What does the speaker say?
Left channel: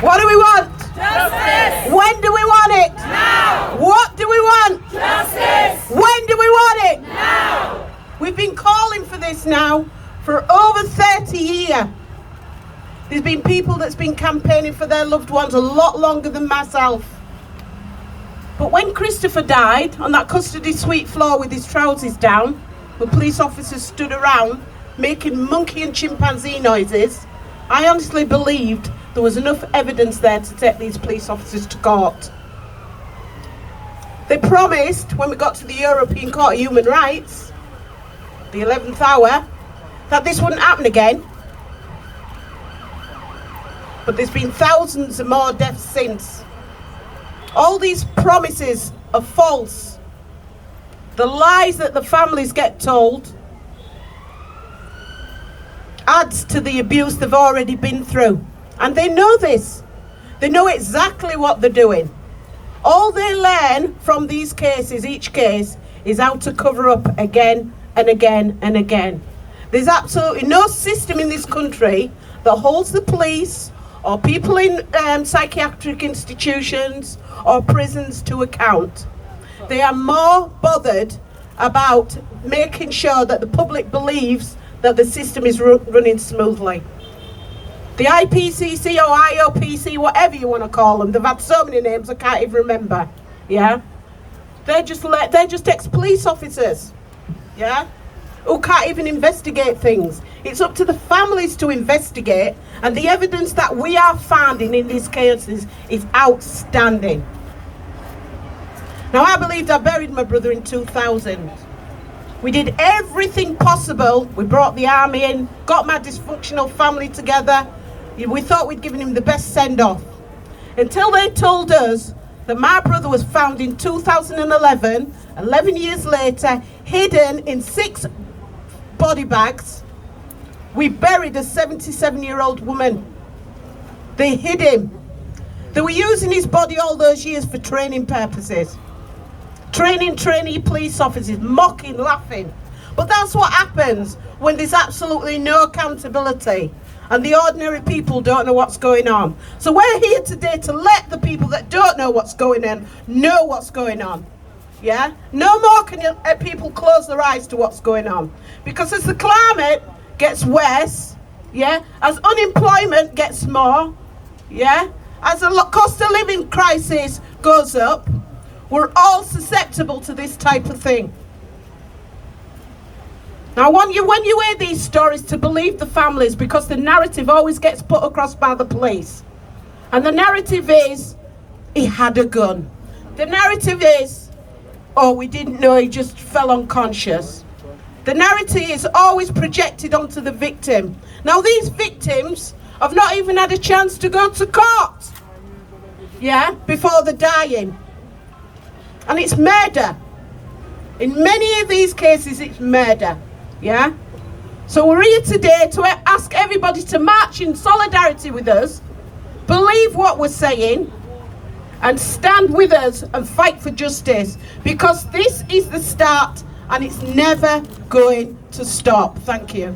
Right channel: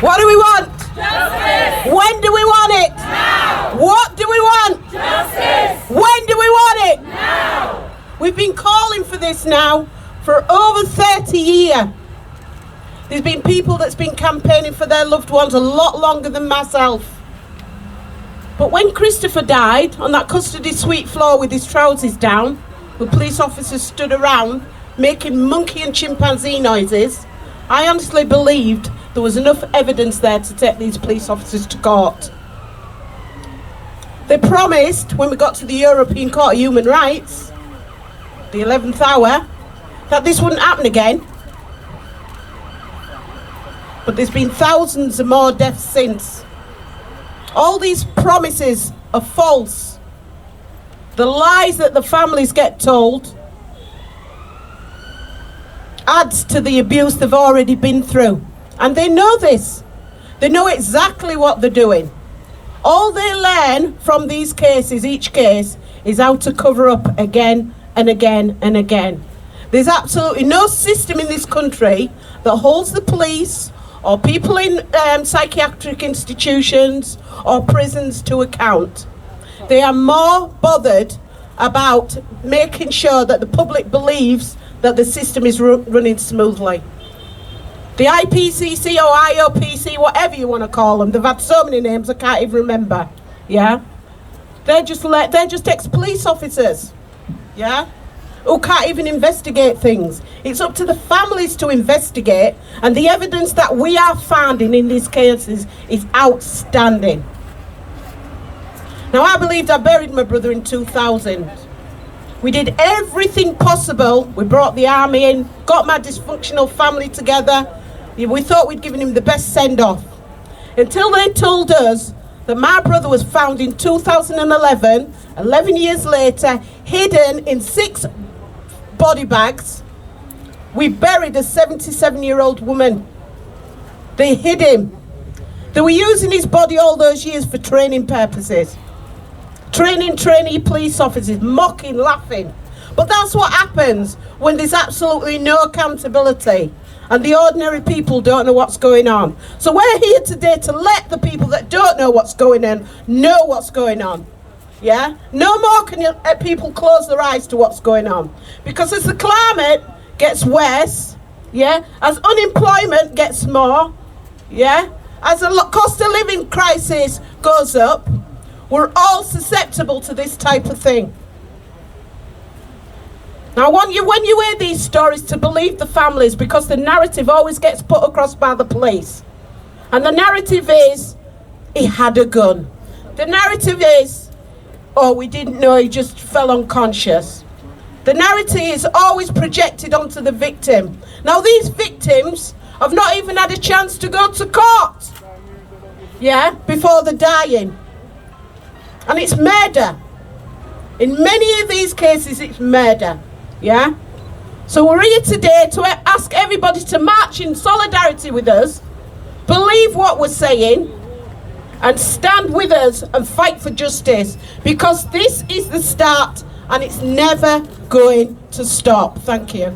What do we want? Justice. When do we want it? Now. What do we want? Justice. When do we want it? Now. We've been calling for this now for over 30 years. There's been people that's been campaigning for their loved ones a lot longer than myself. But when Christopher died on that custody suite floor with his trousers down, the police officers stood around making monkey and chimpanzee noises, I honestly believed there was enough evidence there to take these police officers to court. They promised, when we got to the European Court of Human Rights, the 11th hour, that this wouldn't happen again. But there's been thousands of more deaths since. All these promises are false. The lies that the families get told adds to the abuse they've already been through. And they know this. They know exactly what they're doing. All they learn from these cases, each case, is how to cover up again and again and again. There's absolutely no system in this country that holds the police or people in psychiatric institutions or prisons to account. They are more bothered about making sure that the public believes that the system is running smoothly. The IPCC or IOPC, whatever you want to call them, they've had so many names I can't even remember. Yeah, they're just ex-police officers. Yeah, who can't even investigate things. It's up to the families to investigate, and the evidence that we are finding in these cases is outstanding. Now, I believed I buried my brother in 2000. We did everything possible. We brought the army in, got my dysfunctional family together. We thought we'd given him the best send-off. Until they told us that my brother was found in 2011, 11 years later, hidden in 6 body bags. We buried a 77-year-old woman. They hid him. They were using his body all those years for training purposes. Training trainee police officers, mocking, laughing. But that's what happens when there's absolutely no accountability and the ordinary people don't know what's going on. So we're here today to let the people that don't know what's going on know what's going on. Yeah? No more can people close their eyes to what's going on. Because as the climate gets worse, yeah, as unemployment gets more, yeah, as the cost of living crisis goes up, we're all susceptible to this type of thing. Now, when you hear these stories, to believe the families, because the narrative always gets put across by the police. And the narrative is, he had a gun. The narrative is, oh, we didn't know, he just fell unconscious. The narrative is always projected onto the victim. Now, these victims have not even had a chance to go to court, yeah, before they're dying. And it's murder. In many of these cases, it's murder. Yeah? So we're here today to ask everybody to march in solidarity with us, believe what we're saying, and stand with us and fight for justice. Because this is the start, and it's never going to stop. Thank you.